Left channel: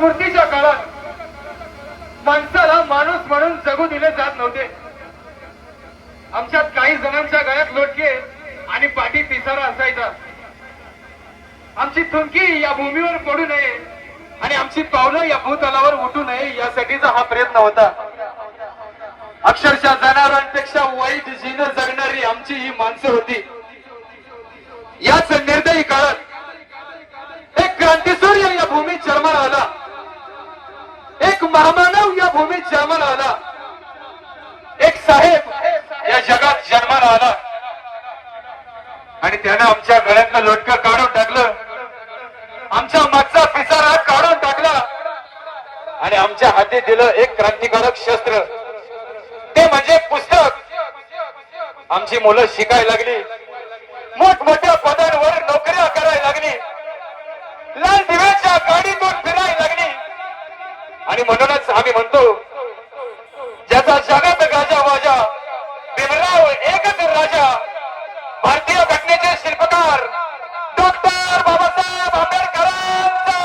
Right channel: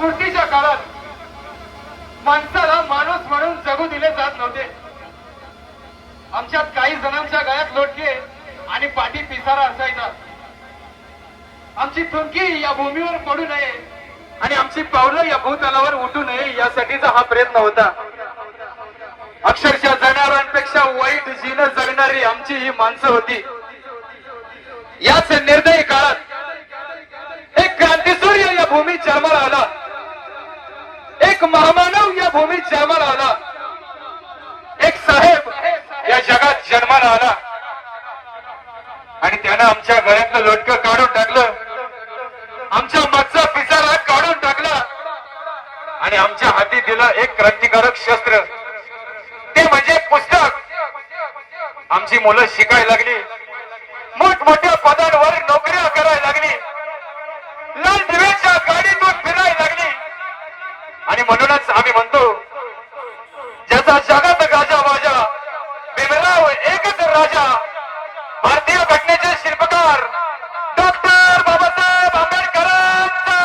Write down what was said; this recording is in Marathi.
स्फूर्तीच्या काळात माणसाला माणूस म्हणून जगू दिले जात नव्हते. आमच्यात काही जणांच्या गळ्यात लोटके आणि पाठी पिसारा असायचा. आमची थुंकी या भूमीवर पडू नये आणि आमची पावलं या भूतलावर उठू नये यासाठीचा हा प्रयत्न होता. अक्षरशः जनावरांपेक्षा वाईट जीवन जगणारी आमची ही माणसं होती. याच निर्दयी काळात एक क्रांतीसूर्य या भूमीत जन्माला आला. एक महामानव या भूमीत जन्माला आला. एक साहेब या जगात जन्माला आला आणि त्यानं आमच्या गळ्यातलं लोटकं काढून टाकलं, आमच्या मागचा पिसारा काढून टाकला आणि आमच्या हाती दिलं एक क्रांतिकारक शस्त्र, ते म्हणजे पुस्तक. आमची मुलं शिकायला लागली, मोठमोठ्या पदांवर नोकऱ्या करायला लागली, लाल दिव्याच्या गाडीतून फिरायला लागली. आणि म्हणूनच आम्ही म्हणतो, ज्याचा जगात गाजावाजा, भीमराव एकच राजा, भारतीय घटनेचे शिल्पकार डॉक्टर बाबासाहेब आंबेडकरांचा.